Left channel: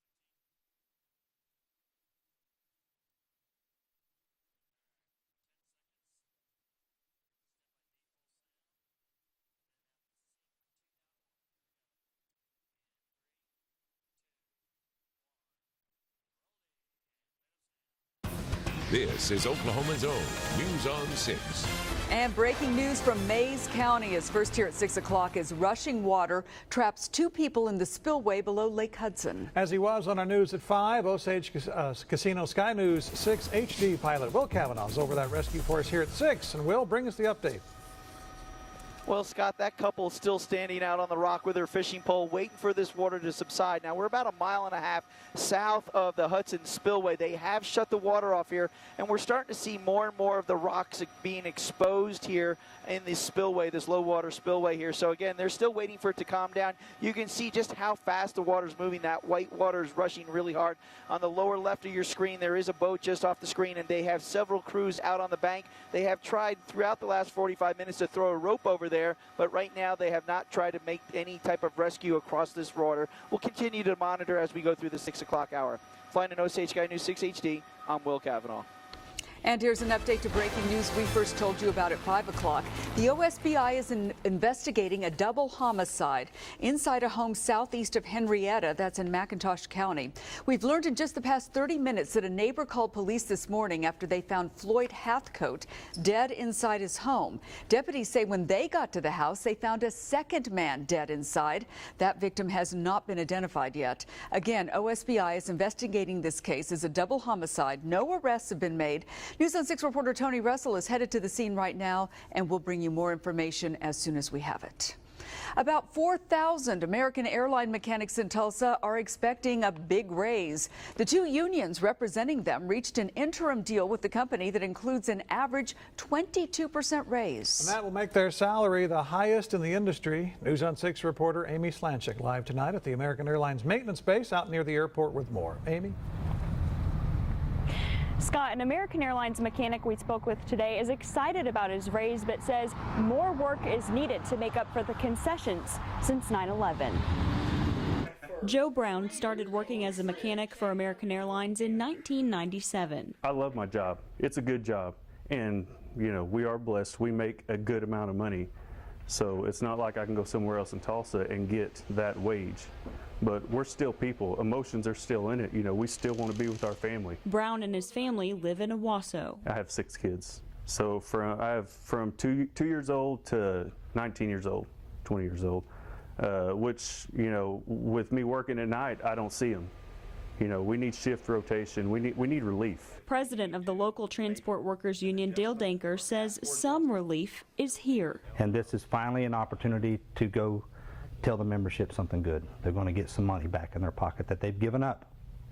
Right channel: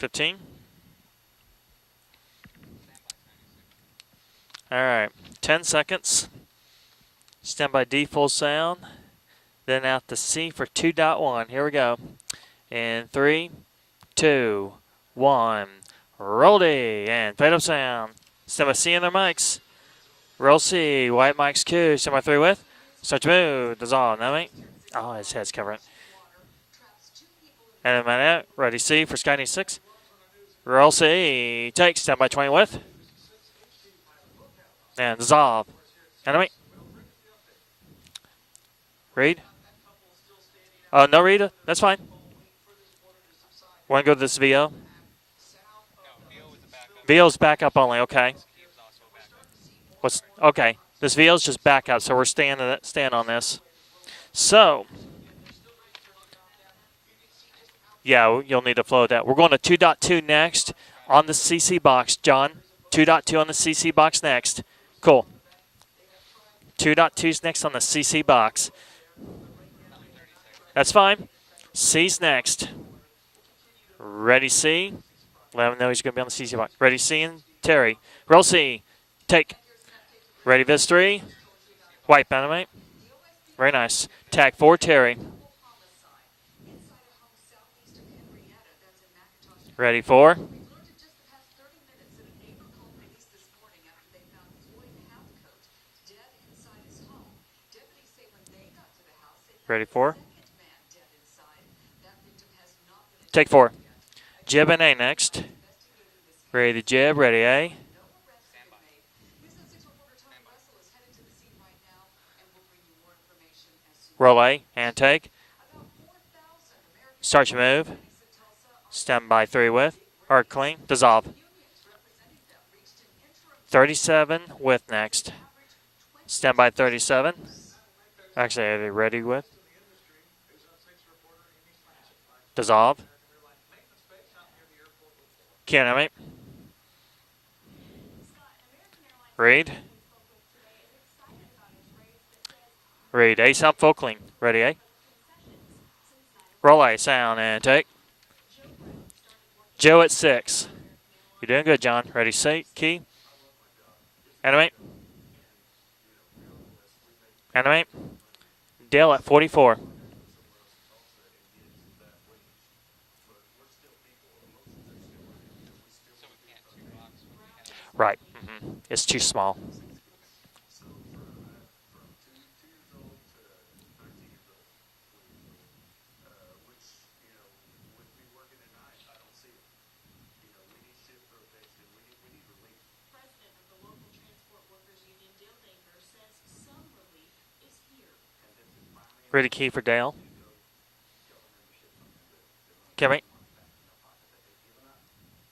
15. All right, 10 seconds. Stand by D full sound. Then out to C for 2.1. Here we go. In 3, 2, 1. Roll D and fade up sound. Stand by C on our mics. Roll C, white mics Q. Stand by 3 with. Start to move. Dissolve. First here at 6 o'clock as rushing water traps 2 people in the spillway below ready Lake C for Hudson. Sky News 6. As he was on our news at 5, Roll C. Take. Stand by 20 with. Sky News 6 HD pilot Will Kavanaugh's And over dissolve. for us here at 6. Enemy. And Will, bring us the update. Well, Read. Scott, that couple still standing out. No, Rita. That's fine. Pole, waiting for this water to subside. Now, Want to go to this VO? South of the Hudson Spillway. VO's back up only, okay. Here, and we're starting to see more and more of okay, the rocks this VO's just back up, so we're stand on this. Spillway, this low water spillway here. So again, they're still waiting for it to calm down. You can see just how fast the you'll need to flow that. We're going to 2.2 next on the CC box, John. 2.2 on the CC box next. Cool. They have tried 2.2's next on the CC box. Over there, but right now they have not tried to That's make fine. any type of C's next. We'll continue to monitor. Ready C. Let him know he's going to be on the CC box. Ready C and Terry. Roll C. Take. And here's an update to break Ready, news. this 3. First told you about it. White Panamite. The OSBI Very nice. is Tag 4, Terry. investigating a double homicide inside a home southeast of Henrietta. That's in McIntosh County. Ready 4. We've learned in just the past 30 minutes that a neighbor called police this morning after they found Floyd Hathcote dead inside his home. Deputies say when they got to the house, they found Ready a 4. second man dead inside. That victim has not been Take 4. identified yet. Again, Jib and A OSBI next. is investigating this case Ready as a jib, double ready A. homicide. No arrests have been made. News on 6 reporter Tony Russell is headed to the scene right now, and we'll bring you more information as soon as Roll we A have it. and take. About 4,000 American Start your airline move. mechanics in Tulsa are Stand by expecting 3 a with. big raise. Or clean. The Dissolve. 2 unions representing them reached an interim deal 37 with the company that with includes next. an average 22% Stand by 37. raise. And that will make their Actually, salary the ready with. highest in the industry. News on 6 reporter Amy Slanchik live tonight Dissolve. at the American Airlines maintenance base out near the airport with more. Enemy. Scott, an American Airlines Read. mechanic we spoke with today is excited about his raise, but says more Read. work A sound is full needed clean. to make Ready, up A. for the concessions since 9/11. Roll A sound and take. Joe Brown started working Joe as at a mechanic 6. for American Airlines You're doing in good, John. Ready, set, key. 1997. I love my job. It's a Enemy. good job. And, you know, we are blessed. We make a Enemy. good amount of money. Dale at So 44. It's not like I can go somewhere else in Tulsa and get that wage. But we're still people. Emotions are still in it. You know, we still want to be with our family. Brown and his Right. family live in a It's too walkout. small. I have 6 kids. So I have from two years old to 19 years old, 20 years old, which, you know, with me working at night, I don't see them. You know, we need shift rotation. We need relief. President of the local Transport Workers Union, Dale Danker, says some relief is here. And this is finally an Ready key for opportunity Dale. to go tell the membership something good. They're going to get Kevin. some money back in their pocket that they've given up.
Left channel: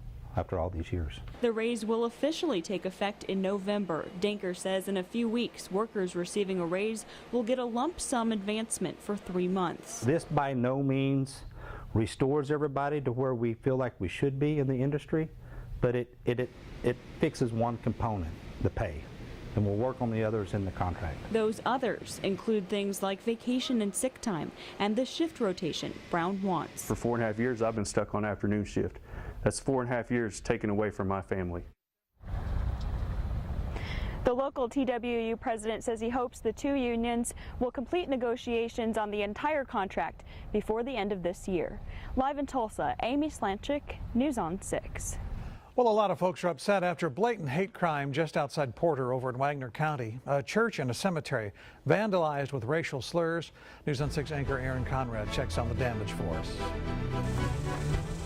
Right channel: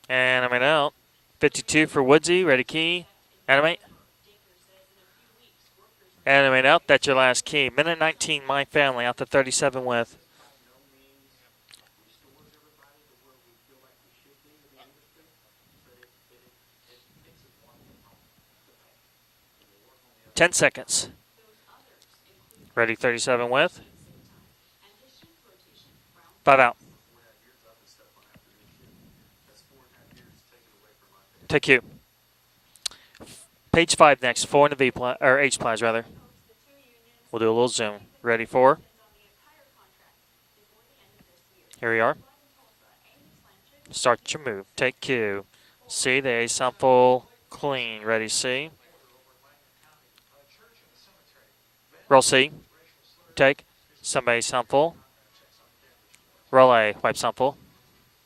And after I'm all out. these years. The 52 raise for will Woodsy. officially Ready take key. effect in Enemy. November. Danker says in a few weeks, workers receiving Enemy a out. raise That's your last will get key. a Minute lump sum 19, my advancement family out for to 3 37 months. with. This by no means restores everybody to where we feel like we should be in the industry, but it fixes one component, the pay. And we'll work on the others 10 in the seconds. contract. Those others include things Ready, like 37 with. vacation and sick time and the shift rotation. Brown 5 out. wants. For 4.5 years, I've been stuck on afternoon shift. That's 4.5 years taken away from my family. Take you. Page 5 The next. local 4 in the B TWU or H president plans says rather. He hopes the 2 unions We'll do a little will zoom. complete Ready for. negotiations on the entire contract before the end of this year. Here we are. Live in Tulsa, Amy Slanchik, Start News your on move. 6. Take Q. Well, a lot See, of they folks upset after sample blatant hate clean. crime Ready, just see. outside Porter over in Wagner County. A church and a cemetery Roll C. vandalized with racial slurs. Take. News on 6 Somebody reporter Aaron sample. Conrad checks on the damage for us. Roll A. Pipe sample.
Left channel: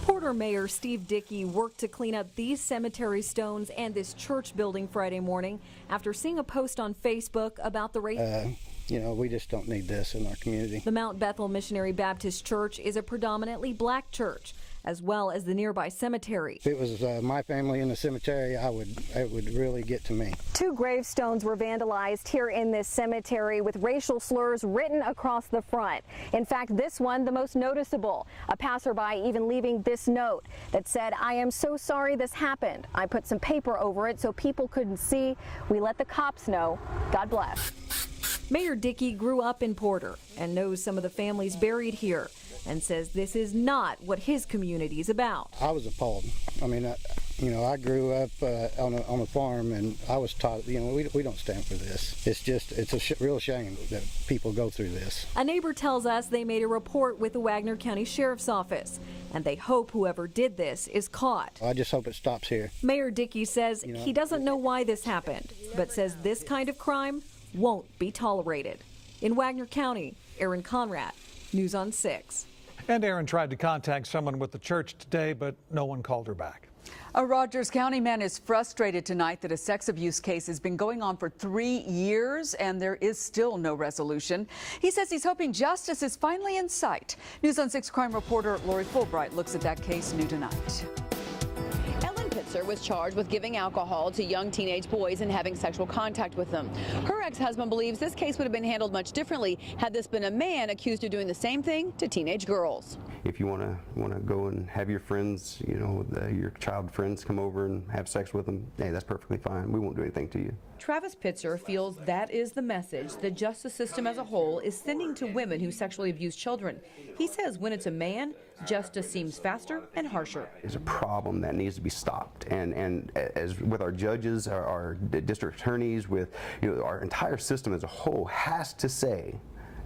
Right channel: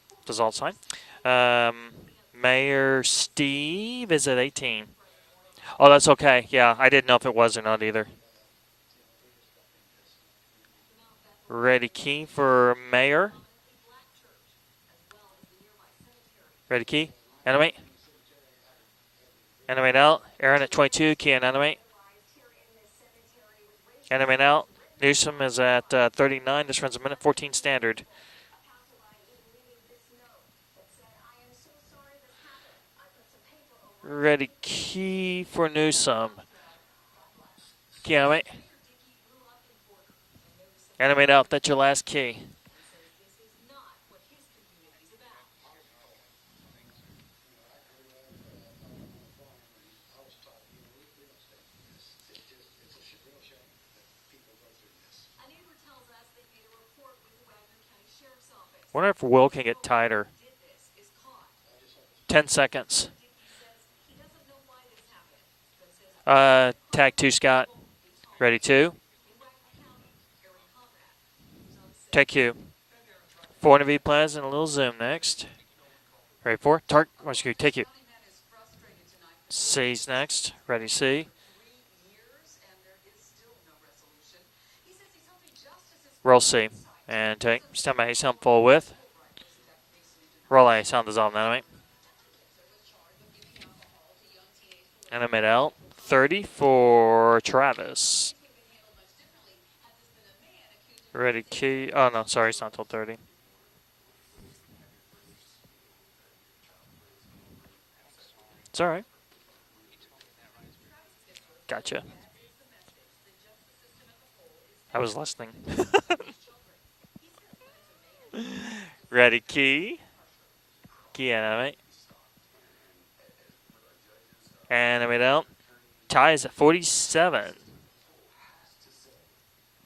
Porter Dissolve Mayor sign. Steve Dickey worked to clean up these Mayor cemetery stones and Steve this is at church 18. building Friday morning. Oh, that's After okay. seeing a Yeah, post I on didn't know if it Facebook was or not about the either. race- You know, we just don't need this in our community. The Mount Bethel Ready, Missionary key Baptist for Church is a mayor. predominantly black church, as well as the nearby cemetery. If it Ready, was key? my Enemy. family in the cemetery, it would really Enemy get now. to me. Aaron 2 at 22. Key and gravestones were enemy. vandalized here in this cemetery with racial Enemy slurs now. written Newsom across is the at front. 39. In fact, This runs a minute one 14 the most standard. noticeable. A passerby even leaving this note that said, "I am so sorry this happened. I put some paper over it Ready, so people couldn't key see. for We let the Newsom. cops know. God bless." Key enemy. Mayor Dickey grew up in Porter and knows some of the Enemy out. families That's your buried last here. key. and says this is not what his community is about. I was appalled. I mean, I grew up on a farm, and I was taught, we don't stand for this. It's a real shame that people go through this. A neighbor tells us they made a report with the Wagner County Sheriff's Office. Wonder if Will They can get hope tighter. whoever did this is caught. I just hope it stops 10 here. seconds. Mayor Dickey says he doesn't know why this happened, but says this kind of crime tag 2, Scott. won't be tolerated. Ready 2. In Wagner County, Aaron Conrad, News on 6. Take 2. And Aaron tried to 4 to be contact plans someone and a with the little church zoom today, next. but no one called her back. Ready 4. Tark. A Rescue, Rogers take County man is frustrated tonight that a sex C's abuse next. case has been Ready, going C. on for 3 years, and there is still no resolution. He says he's hoping justice is Roll finally C. in sight. And News take on 6 stand by crime sound reporter full Lori with. Fulbright looks at that case new tonight. Roll A. Sound dissolved. Enemy. Ellen Pitzer was charged with giving alcohol to young teenage boys and Enemy having L. sexual contact 30 with them. for Her ex-husband believes Travis. this case would have been handled much differently had this been a man accused of doing Ready the same key. thing to Oh no, teenage sorry, it's not girls. till 30. If you want to go and have your friends, your child friends come over and have sex with them, all right. that's perfectly fine. We won't do anything to you. Travis Pitzer feels Gotcha. that is the message the justice system as a whole is sending was to listening. women who sexually abuse children. He says when it's a man, justice seems Ready, faster key. and harsher. It's a problem Yeah, that enemy. needs to be stopped. And as with our judges, our Enemy L. district attorneys, Tie is at our 47. entire system as a whole has to say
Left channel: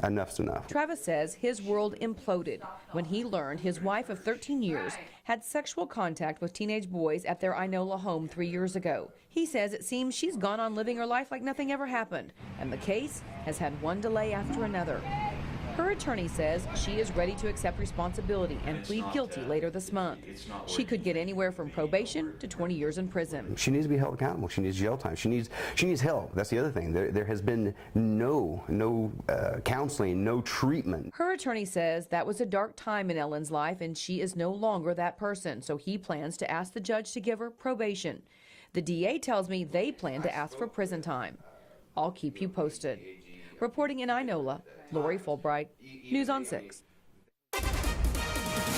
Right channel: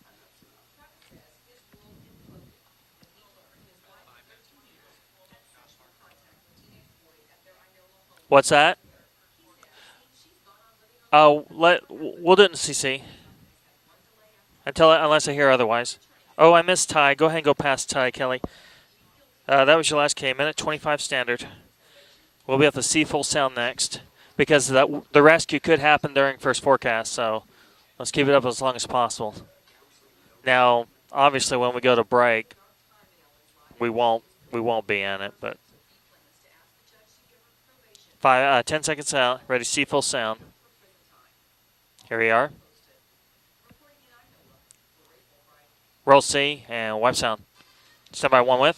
enough's enough. Travis says his world imploded when he learned his wife of 13 years had sexual contact with teenage boys at their Inola home 3 What's years that? ago. He says it seems she's gone on living her life Oh, like nothing ever happened. we'll do it in And CC. the case has had one delay after Until another. unless I hear otherwise. Her attorney Oh, I says missed she Ty. was Go ready ahead and to go accept past Ty, Kelly. responsibility and plead guilty That later was this your last month. K minute, She 25 could get standard. anywhere from probation to We'll be 20 at the years C in full prison. sound She needs to next be held accountable. because She of needs that jail time. the She rescue needs- could she needs happen help. during That's first the other thing. forecast. There's So been let's keep it up no- as long as no, possible. Counseling, no Now, treatment. Her obviously, when attorney we go to says that was break, a dark time in Ellen's life, we and won't- she is no we longer won't be that in it, person. but- So he plans to ask the judge to give her probation. 10 The seconds DA out. tells Ready, me C they full plan sound. to ask for prison time. I'll Here keep we are. you posted. Reporting in Inola, Lori Fulbright. Roll News on C 6. and wipe sound. Stand by 1 with.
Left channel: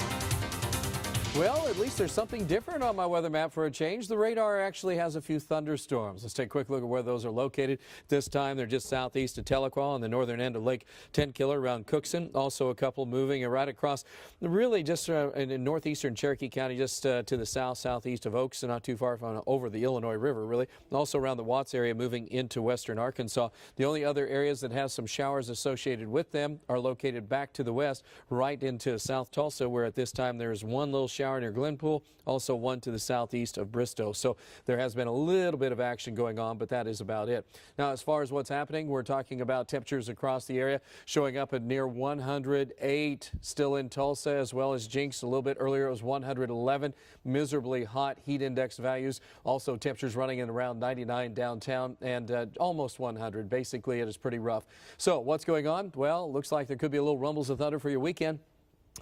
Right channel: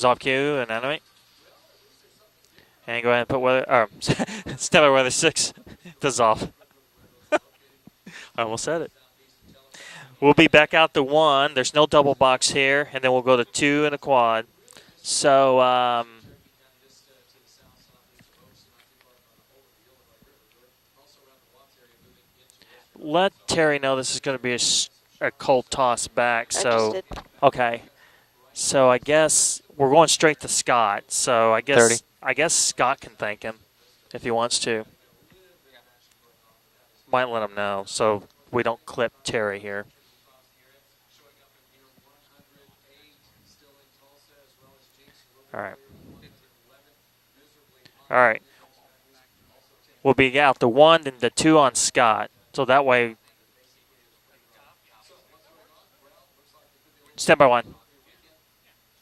Zalq and enemy. Well, at least there's something different on And our go ahead and weather put map weather. for a change. The radar Stand by actually weather has a few 6. thunderstorms. Dissolve. Let's take a quick look at where those are located. This time almost they're said just it. southeast of Tahlequah on the northern We'll be end of back Lake out to 1. Tennille There's around no double Coosan. box Also a here, couple and then we'll go to moving right 2 and a across. quad. Really just So, in northeastern Cherokee County, just to the southeast of Oaks, and not too far from over the Illinois River, really. And also around the Watts area, moving into western Let Arkansas. Terry The know only this is other going to be a, areas that have some a showers cold associated toss with back. them So, are located back to the okay. west, right So into I South guess Tulsa, where we're at going this time straight to there's one Scott. little shower So I in guess Wendell, I guess also one to Scott the can thank southeast him of Bristow. if So he wants there to. has been a little bit of action going on, but that is about Might it. let him know Now, as so far as what's we don't happening, we're clip talking Terry about here. temperatures across the area showing up at near 108 still in Tulsa, as well as Jinx a little bit All right. earlier. It was 111. Miserably hot All right. heat index values. Also temperatures We'll be running out the around 1 and 99 the 2 on downtown Scott. and, So that almost way- 100. Basically, it is pretty rough. So what's going on? Well, looks like there could be a little Stand by rumbles of 1. thunder for your weekend.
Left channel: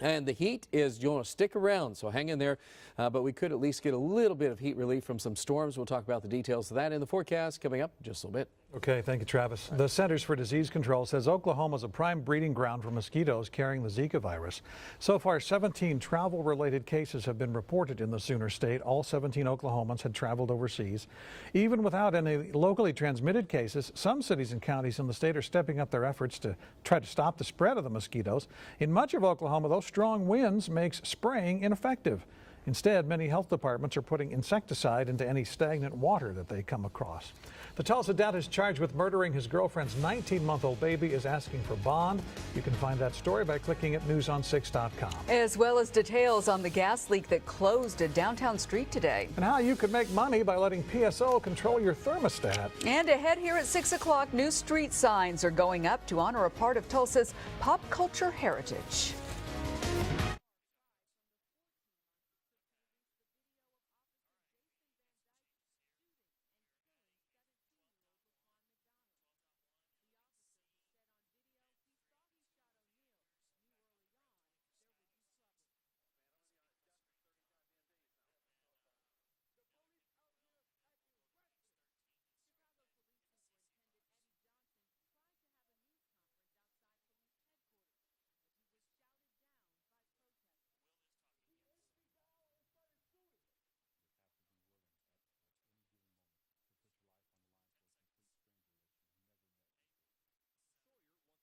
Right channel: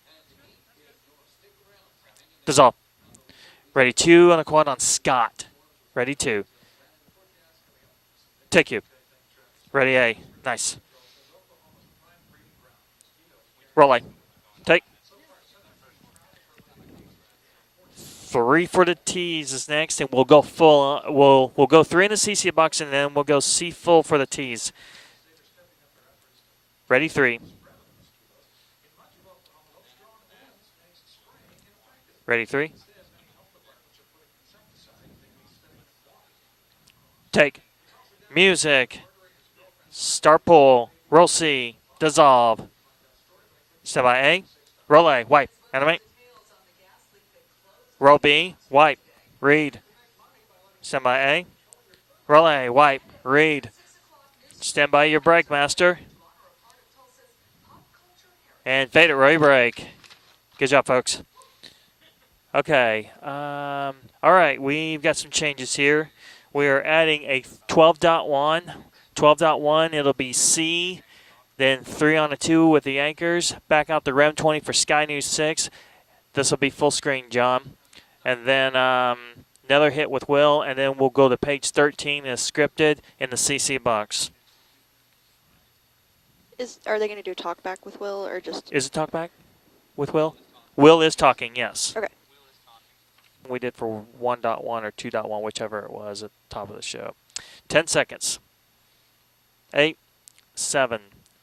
And the heat is, you want to stick around, so hang in there. Dissolve. But we could at least Ready, get a 2 little on a bit of quad heat on relief from Scott. some storms. We'll talk Ready, about 2. the details of that in the forecast coming up in just a little bit. Take you. Okay, thank you, Travis. Ready, the A. Centers for Disease Nice. Control says Oklahoma is a prime breeding ground for mosquitoes carrying Roll the light. Zika virus. Take. So far, 17 travel-related cases have been reported in the 3 state. for the All 17 T's is Oklahomans next, and have we'll go traveled full. overseas. We'll Even go 3 in the without any CC box, and locally then we'll go transmitted C cases, full some for the cities and T's. counties in the state are stepping up their efforts to try Ready, to stop 3. the spread of the mosquitoes. In much of Oklahoma, those strong winds makes spraying ineffective. Ready, 3. Instead, many health departments are putting insecticide into any stagnant water that they come across. Take. The Tulsa dad is charged Music. with murdering his girlfriend's Star 19-month-old pull. baby. Roll is asking C. for bond. Dissolve. You can find that story by clicking Stand by A. 6.com. Roll A. White. As well Enemy. as details on the gas leak that closed Roll at B. downtown Street White. today. And how Read. you could make money by letting Stand by TSO A. control your thermostat. Roll A. White. And ahead here Read. at 6 o'clock, new street Stand by your signs brake, are master. going up to honor a part of Tulsa's pop culture heritage. And fade it, Roy break. Good job, folks. Okay. All right, we've got some changes here. We are adding a 12.1. 12.1, it'll be C, then 3 on a 2 with the anchors. Back out the REM 20 for Sky News 6. This will be full screen, John. And then another hit with Will, and then we'll go to page 13 as scripted in the CC box. Are they going to do talkback with Will or just? Is it talkback with Will? Will is talking, yes. Okay. We did for 1.1 or 2.1, whichever it was at the top of the show. 10 seconds. 8, 7,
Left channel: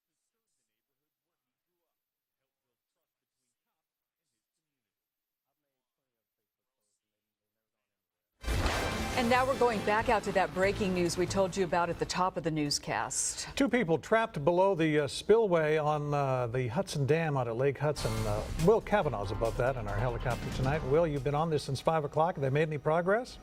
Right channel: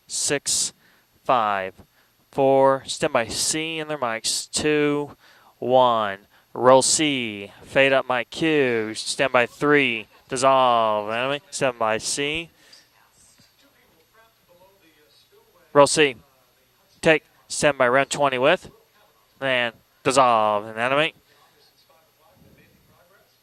6, 5, 4. Stand by C in their mics. 2, 1. Roll C. Fade up mic Q. Stand by 3. Dissolve. Stand by C. Two people trapped below the spillway Roll on C. The Hudson Take. Dam out at Stand Lake by Hudson. round 20 with. Will Kavanaugh's about And that in our dissolve. Will, Animate. you've been on this since 5 o'clock. Have they made any progress?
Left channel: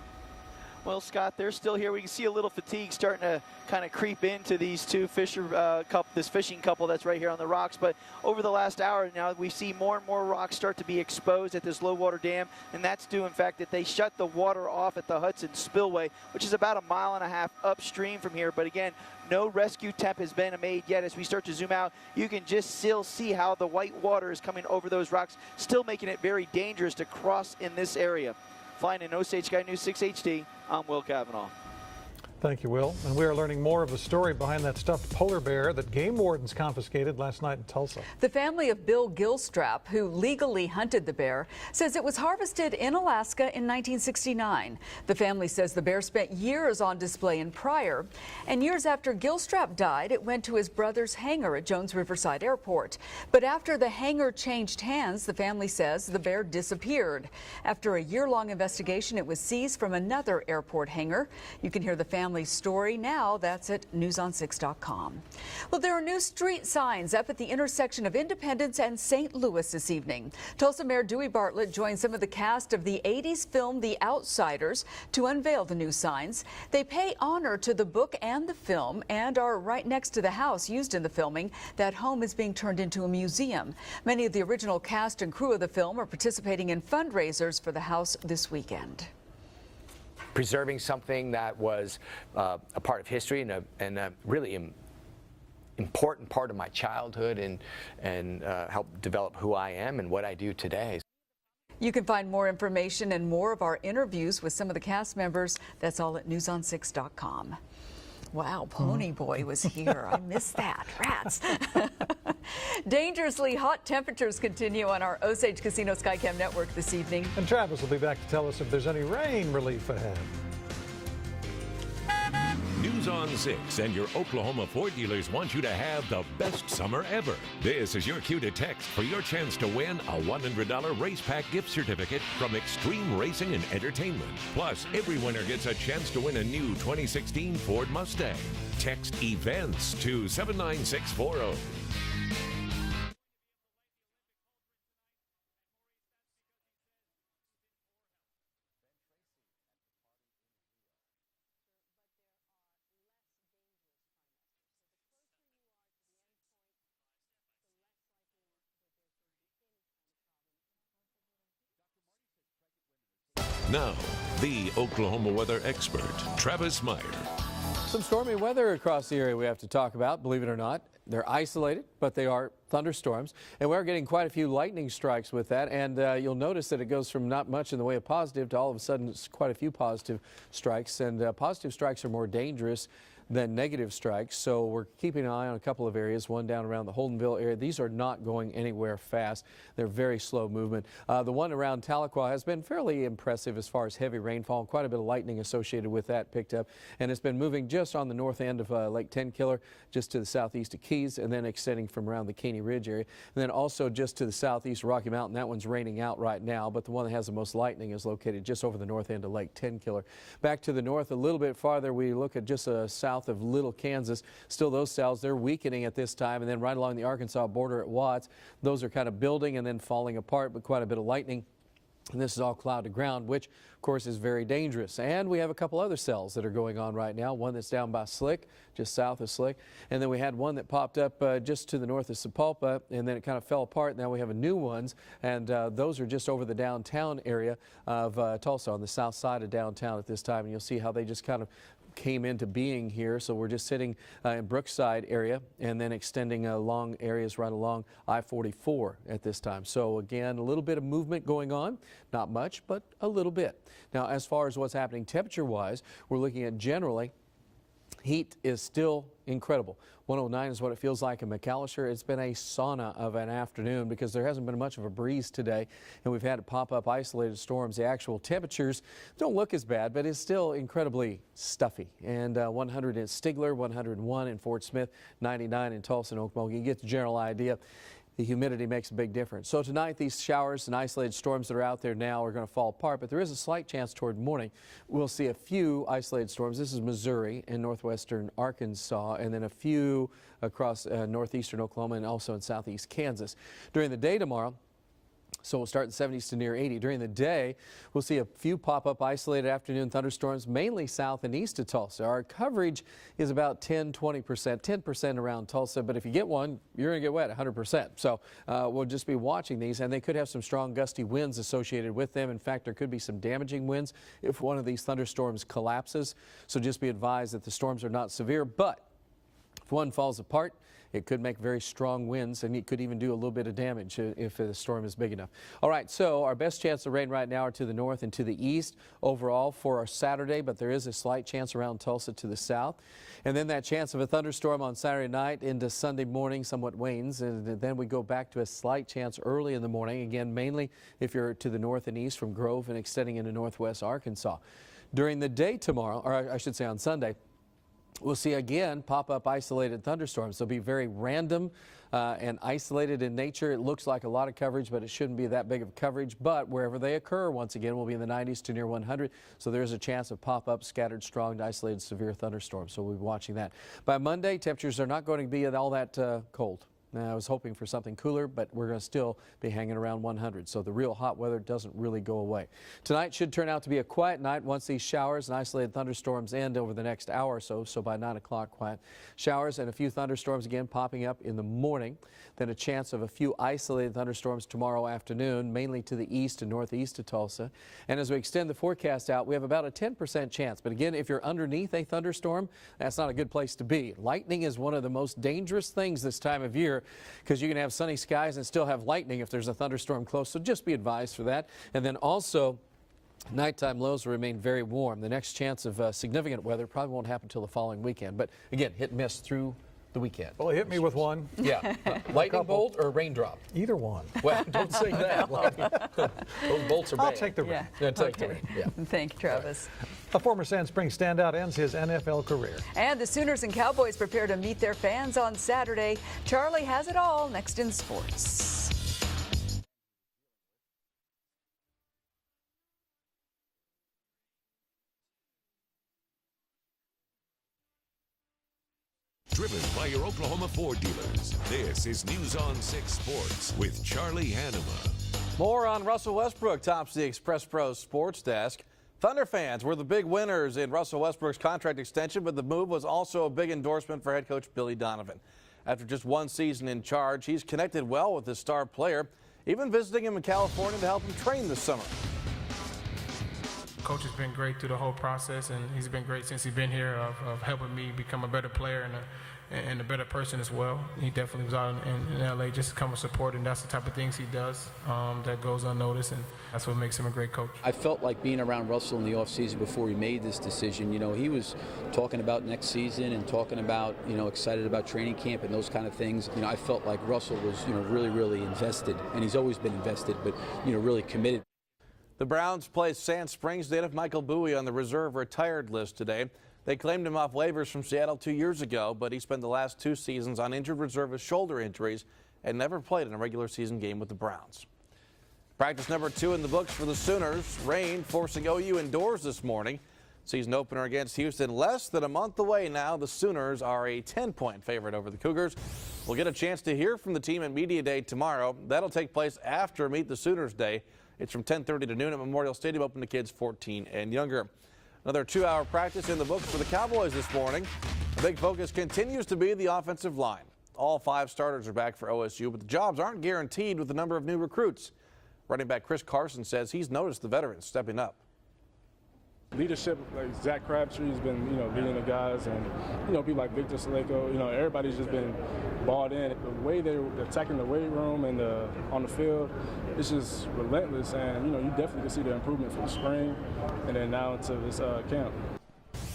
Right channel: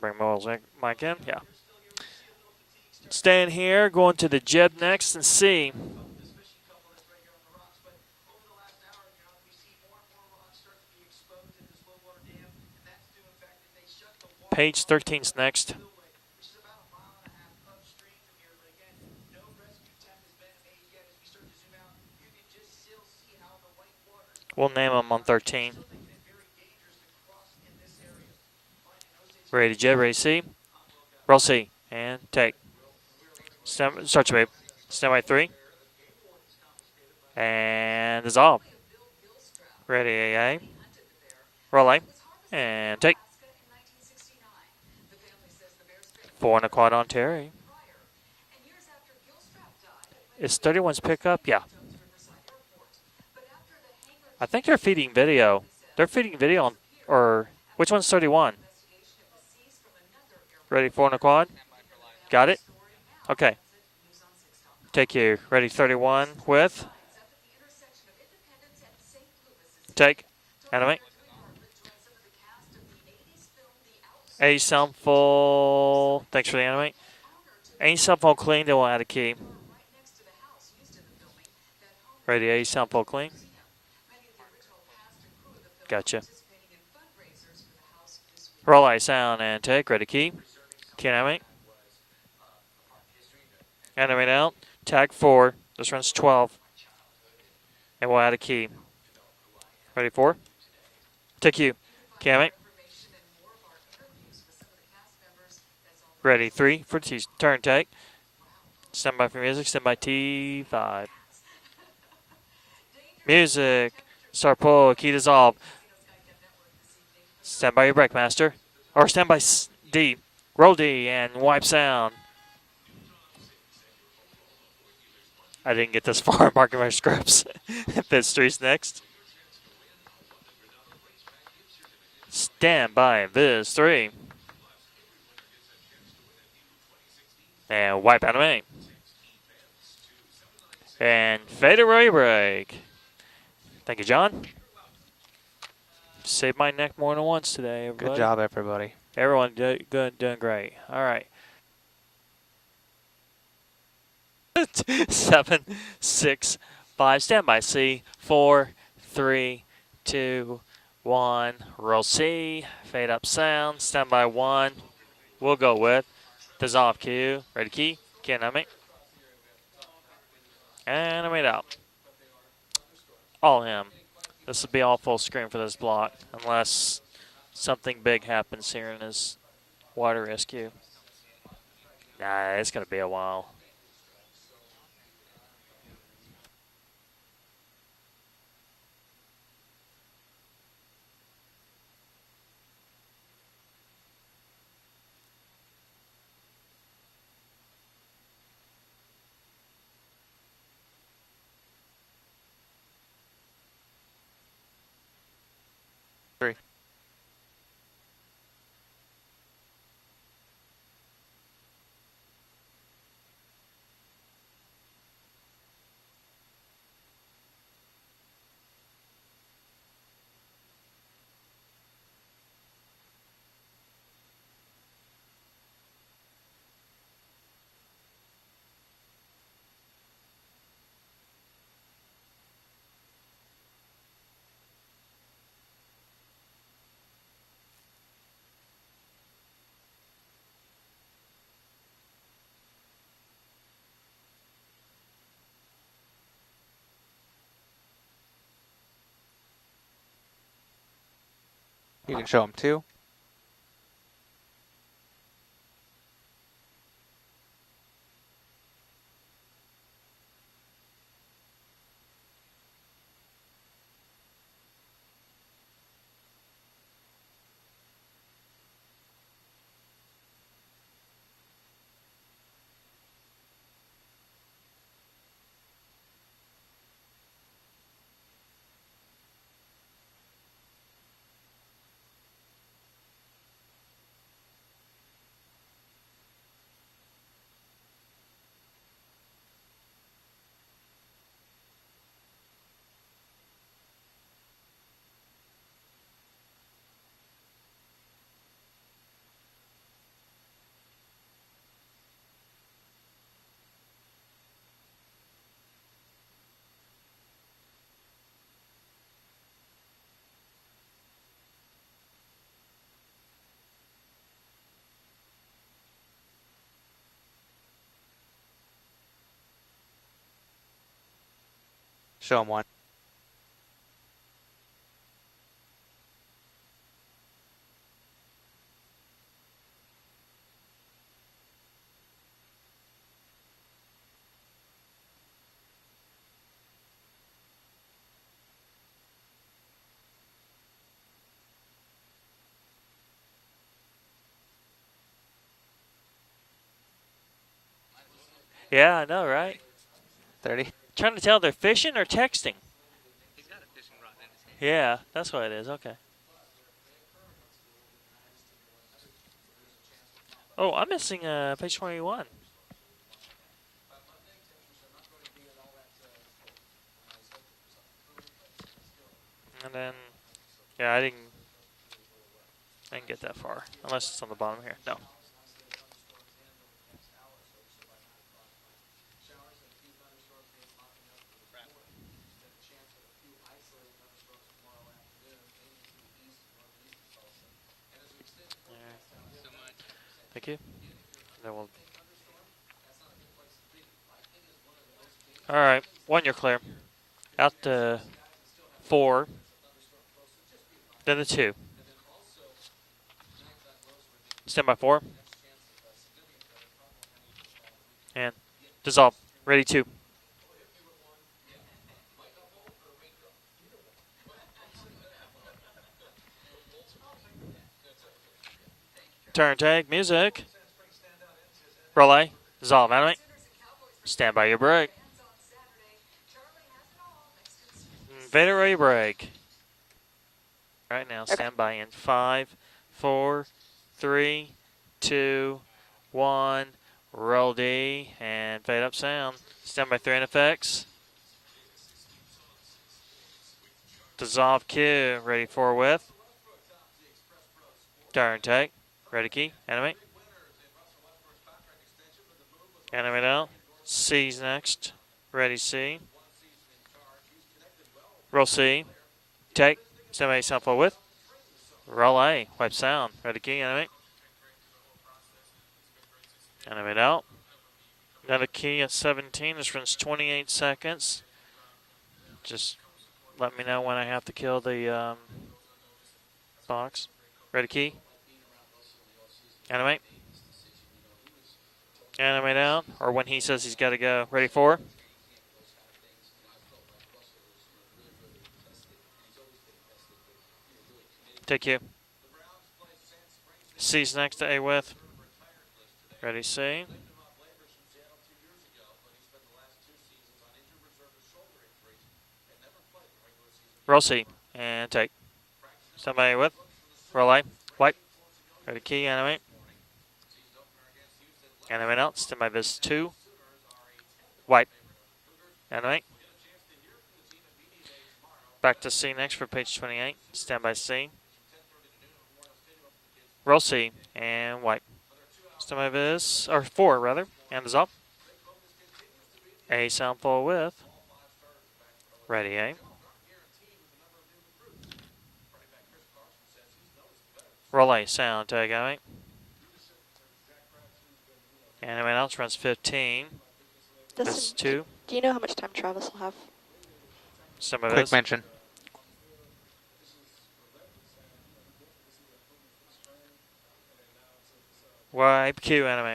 Bring Will's mic Well, in. Scott, Yeah. they're still here. We can see a little fatigue starting Staying to here, kind of going creep to the into jib these next two and fishing, see. this fishing couple that's right here on the rocks. But over the last hour now, we see more and more rocks start to be exposed at this low water dam, and that's due, in fact, that they shut the water Page off at the 13's Hudson next. Spillway, which is about 1.5 miles upstream from here. But again, no rescue attempt has been made yet. As we start to zoom out, you can just still see how the white water is coming We'll over name those them on rocks, 13. still making it very dangerous to cross in this area. Flying in Osage Ready to jib, ready to see. I'm Will Cavanaugh. Roll C. And take. Thank you, Will. And we are learning more of the Start story your behind that stuffed Stand by polar 3. bear that game wardens confiscated last night in Tulsa. And The dissolve. family of Bill Gilstrap, who Ready, legally hunted the bear, Roll says eight. it was harvested in And take. Alaska in 1969. The family says the bear spent 4 and a years quad on on display Terry. in Pryor. And years after Gilstrap died, it went Is to his 31's brother's picked up? hangar Yeah. at Jones Riverside Airport. But after the hangar I think changed they're feeding hands, video. the family says They're the feeding bear video on- disappeared. or After which one's a year-long 31? investigation, it was seized from another airport Ready, 4 and a hangar. quad? You can hear the Got family's it? story now. Okay. That's at newson6.com. Take you. Ready, Well, there are 31 new street with. signs up at the intersection of Independence and St. Louis this Take. evening. Tulsa Animate. Mayor Dewey Bartlett joined some of the cast of the 80s film The Outsiders sound to unveil the new full. signs. Thanks for the They animate. pay honor to the Ain't book sound full and the clean, they will film add a key. and are right next to the house used in the filming. That home is Ready, being ain't turned sound into full a clean. museum. Many of the original cast and crew of the film are Gotcha. participating in fundraisers for the house this week. Roll I sound and take. Ready, key. Preserving something Can't animate. that was a part of history and Animate really now. Tag 4. This runs important 12. part of my childhood and we'll add a key. help develop who I am Ready, and 4? what I do today. Take you. You can find Can't more animate. information and more of our interviews with some of the cast members. That's all at Ready, 3 for T. newson6.com. Turn, take. Wow, Pony Stand by Boy for music. was Stand by here. I missed that. T5. Rats. Dangerously Music. hot temperatures Start continue pull, on key our dissolve. Osage Casino Skycam network this evening. And Stand Travis by will your be break, back to tell master. us if there's any Or stand by rain relief D. ahead. Roll D and wipe sound. News on 6 and your Oklahoma Ford dealers want you to I didn't have get this the far, best marking my summer scripts. ever. This is your This cue street's to text next. for your chance to win a $100 race pack gift certificate from Stand Extreme by, Racing Biz, and 3. Entertainment. Plus, every winner gets a chance to win a new 2016 Ford And wipe Mustang. animate. Text events to 79640. And fade away break. Thank you, John. Saved my neck more than once today, everybody. Good job, everybody. Everyone doing great. All right. 7, 6, 5. Stand by C. 4, 3, 2, 1. Roll C. Fade up sound. Now, Stand by 1. the Oklahoma We'll weather go with expert, Travis Dissolve Knight. Q. Ready, key. Some stormy Can't weather animate. across the area we have to talk about, believe it or not. And They're animate out. isolated, but they are thunderstorms. Oh, and yeah. we're getting quite a few This will be lightning all full strikes screen with for that. this And block, you'll notice that it unless goes from not much in the way something of big positive to all happens of a here sudden in this quite a few water positive rescue. strikes. And positive strikes are more Nah, dangerous it's gonna be a while. than negative strikes. So we're keeping an eye on a couple of areas, one down around the Holdenville area. These are not going anywhere fast. They're very slow movement. The one around Tahlequah has been fairly impressive as far as heavy rainfall. Quite a bit of lightning associated with that picked up. And it's been moving just on the north end of Lake Tenkiller, just to the southeast of Keys, and then extending from around the Caney Ridge area. And then also just to the southeast of Rocky Mountain. That one's raining out right now, but the one that has the most lightning is located just over the north end of Lake Tenkiller. Back to the north a little bit farther, we look at just south of Little, Kansas. Still those cells, they're weakening at this time. And then right along the Arkansas border at Watts, those are kind of building and then falling apart, but quite a bit of lightning. And this is all cloud to ground, which, of course, is very dangerous. And we have a couple other cells that are going on right now. One that's down by Slick, just south of Slick. And then we had one that popped up just to the north of Sapulpa, and then it kind of fell apart. Now we have a new ones, and those are just over the downtown area of Tulsa, on the south side of downtown at this time. And you'll see how they just kind of came into being here. So we're just sitting in Brookside area and then extending long areas right along I-44 at this time. So again, a little bit of movement going on. Not show much, too. but a little bit. Now, as far as what's happening temperature-wise, we're looking at generally heat is still incredible. 109 is what it feels like in McAllister. It's been a sauna of an afternoon because there hasn't been much of a breeze today, and we've had to pop up isolated storms. The actual temperatures don't look as bad, but it's still incredibly stuffy. And 100 in Stigler, 101 in Fort Smith, 99 in Tulsa and Okmulgee. You get the general idea. the humidity makes a big difference. So tonight, these showers and isolated storms that are out there now are going to fall apart, but there is a slight chance toward morning we'll see a few isolated storms. This is Missouri and northwestern Arkansas, and then a few across northeastern Oklahoma and also in southeast Kansas. During the day tomorrow, so we'll start in the 70s to near 80. During the day, we'll see a few pop-up isolated afternoon thunderstorms, mainly south and east of Tulsa. Our coverage is about 10-20%, 10% around Tulsa, but if you get one, you're going to get wet 100%. So we'll just be watching these, and they could have some strong gusty winds associated with them. In fact, there could be some damaging winds if one of these thunderstorms collapses. So just be advised that the storms are not severe, but if one falls apart, it could make very strong winds, and it could even do a little bit of damage if the storm is big enough. All right, so our best chance of rain right now are to the north and to the east overall for our Saturday, but there is a slight chance around Tulsa to the south. And then that chance of a thunderstorm on Saturday night into Sunday morning somewhat wanes, and then we go back to a slight chance early in the morning, again, mainly if you're to the north and east from Grove and extending into northwest Arkansas. During the day tomorrow, or I should say on Sunday, we'll see again pop-up isolated thunderstorms. They'll be very Trying random, to tell they're fishing or texting. and isolated in nature. It looks like a lot of coverage, Yeah, but it shouldn't be that's that what it big is. of Okay. coverage. But wherever they occur, once again, we'll be in the 90s to near 100. So there's a chance of pop-up, Oh, I'm scattered, missing, strong, page isolated, severe 21. thunderstorms. So we'll be watching that. By Monday, temperatures are not going to be all that cold. Now, I was hoping for something cooler, but we're going to still be hanging around 100. So the real hot weather doesn't really go away. Tonight should turn out to be a quiet night once these showers and isolated thunderstorms end over the next hour or so. So by 9 o'clock, quiet showers and a few thunderstorms again popping up in the morning. Then a chance of a few isolated thunderstorms tomorrow afternoon, mainly to the east and northeast of Tulsa. And as we extend the forecast out, we have about a 10% chance. But again, if you're underneath a thunderstorm, that's not a good place to be. Lightning is one of the most dangerous things this time of year, because you can have sunny skies and still have lightning if there's a thunderstorm close. So just be advised for that. And then also, nighttime lows will remain very warm. The next chance of significant weather probably won't happen until the following weekend. But again, hit us through the weekend. Well, hit me with one. Yeah. Lightning bolt or raindrop? Either one. Well, don't say that. Those bolts are bad. I'll take the rain. Yeah, take the rain. Yeah. Thank you, Travis. Turn take music. A former Sand Springs standout ends his NFL Relay. career. And the Sooners and Cowboys prepare Stand to by meet your their break. fans on Saturday. Charlie has it all next in sports. Vader ready break. Right now, stand by in 5, 4, 3, 2, 1. Roll D and fade up sound. Stand by 3 in effects. This is News on 6 Sports with Charlie. Dissolve Q. Ready More for a on whip. Russell Westbrook tops the Express Pro Sports Turn Desk. take. Thunder Ready key. fans were the Enemy. big winners in Russell Westbrook's contract extension, but the move was also Enemy a now. big endorsement for C's head coach Billy next. Donovan. Ready After C. just one season in charge, he's connected well with the Roll star C. player. Even Take. visiting him in Somebody sample California to whip. help him train this summer. Roll A. Pipe sound. Ready key. Enemy. Coach has been great through the whole process, and he's been great since he's been Enemy here now. of helping me become a Another better player. key and at 17. This and a runs better person 28 as well. seconds. He definitely was out in LA just to come and support, and Let that's me the know type when of I things have he to does, kill the that goes unnoticed, and that's what makes him a great coach. I felt like being around Russell in the offseason before Enemy. he made this decision. You know, he was talking Enemy about next now, season or when and he talking says he's about, gotta go. you know, Ready excited for it? about training camp and those kind of things. You know, I felt like Russell was, you know, really invested, and he's always been invested, but, you know, really committed. Take you. The Browns play Sand Springs. They had C's Michael next to Bowie on the A-Whip. reserve retired list today. Ready, C. They claimed him off waivers from Seattle 2 years ago, but he spent the last 2 seasons on injured reserve with shoulder injuries and never played in a regular season game Roll with the C. Browns. And take. Practice number Somebody 2 in the whip. books for the Roll A. Sooners. Rain Wipe. forcing OU Ready, key, indoors enemy. this morning. Season opener against Houston less Enemy than a out. month Stand by away base now. 2. The Sooners are a 10-point Wipe. favorite over the Cougars. Enemy. We'll get a chance to hear from the team at Media Day tomorrow. Back That'll to C take place next for page after Meet 28. the Sooners Stand by Day. C. It's from 10:30 to noon at Memorial Stadium, open to kids 14 Roll C. and younger. And wipe. Another 2-hour Stand by practice in the this, books or for the 4 Cowboys rather. this morning. Hands up. The big focus continues to be the A offensive sample line. with. All 5 starters are back for OSU. Ready, but A. jobs aren't guaranteed with the number of new recruits. Running back Chris Carson says he's noticed the veterans. Roll stepping A. up. Sound. Take. Enemy. Leadership, like Zach Crabtree's been, leading Enemy the out. guys, Runs and, 15. people like Victor Saleko, This is 2. everybody's just Do you know how much time Travis bought in. have? The way they're attacking the Some weight of room this. and Mention. on the field, it's just relentless, and you definitely can see the improvement from spring, and then now to this camp. Wipe. Q. Enemy.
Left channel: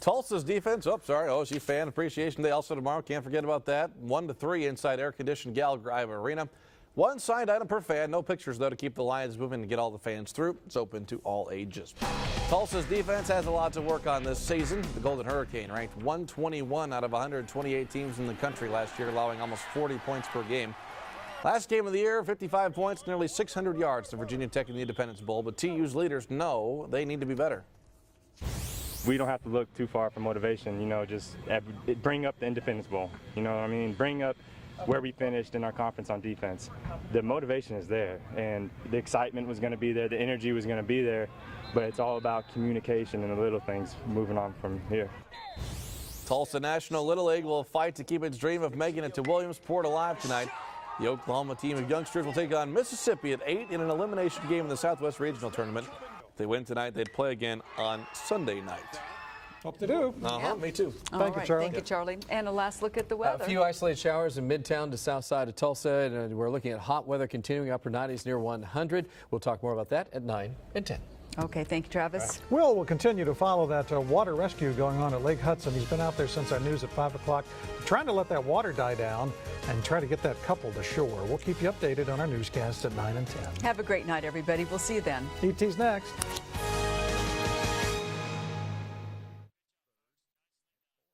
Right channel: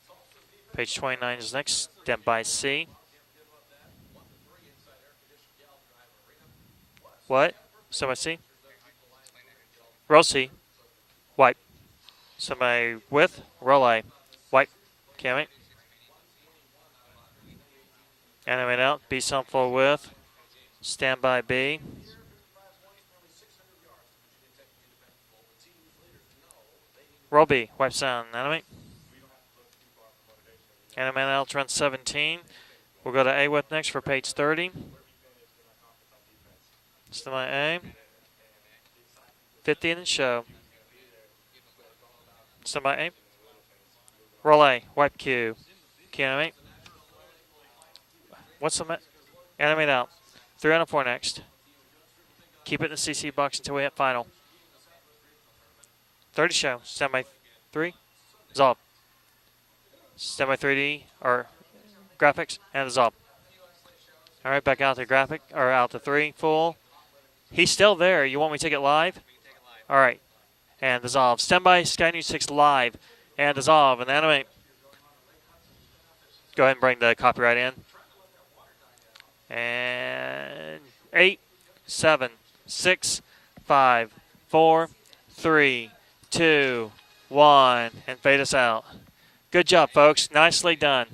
Tulsa's defense. Page Oh, sorry, 29 is OSU next. fan Step appreciation by day also C. tomorrow. Can't forget about that. 1-3 inside air-conditioned Gallagher Iva Arena. One side What? item per fan. Somebody No see? pictures, though, to keep the lines moving and get all the fans Rossi. through. It's open to all White. ages. Somebody Tulsa's defense with has a lot Rolly. to work on this White. season. The Golden Cammy. Hurricane ranked 121 out of 128 teams in the country Animate last out. year, Be allowing some almost for 40 with. points per game. Standby Last B. game of the year, 55 points, nearly 600 yards to Virginia Tech in the Independence Bowl. But TU's leaders know they need to be Roby. better. Wipe sound. Enemy. We don't have to look too far for motivation, you know. And I'm just in L trend bring 17. up the Independence Bowl. We'll go to you know A what with I next mean? for Bring page up 30. Where we finished in our conference on defense. The Still motivation A. was there, and the excitement was going to 50 be in there, the the show. energy was going to be there, but it's all about communication and the little things moving on. Roll A. from here. White Q. Can't Tulsa National Little League will fight to keep its dream What's of the making it to Williamsport Enemy now. alive tonight. 3 on a 4 The next. Oklahoma team of youngsters will take on Keep it in the CC Mississippi box at till 8 we in hit an final. elimination game in the Southwest Regional Tournament. 30 To win show. tonight, they Standby play again 3. on Sunday Dissolve. night. Hope to do. Standby 3D. All Or right, thank you, Charlie. graphics And a last and look at dissolve. the weather. A few isolated showers in All right, Midtown, back out the to south graphic, side of or out Tulsa, to 3, and we're full. looking at hot weather continuing. He's up still to there. 90s You near want me to take it 100. live? We'll talk more about that All right. at 9 And dissolve. Okay, Standby thanks, Sky Travis. News 6 We'll live. continue to follow And dissolve. that And water animate. rescue going on at Lake Hudson. He's been out there since I Go ahead and news bring at the 5 o'clock, copyright in. trying to let that water die down and try to get that couple to shore. 8, We'll keep you updated 7, on our newscast 6, at 9 and 10. Have a great 5, night, everybody. 4, We'll see you then. 3, next. 2, 1, and fade us out. Good job, folks. Nicely done.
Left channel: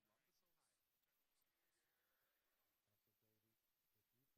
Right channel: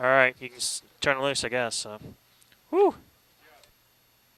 All right, you can turn loose, I guess. Whew.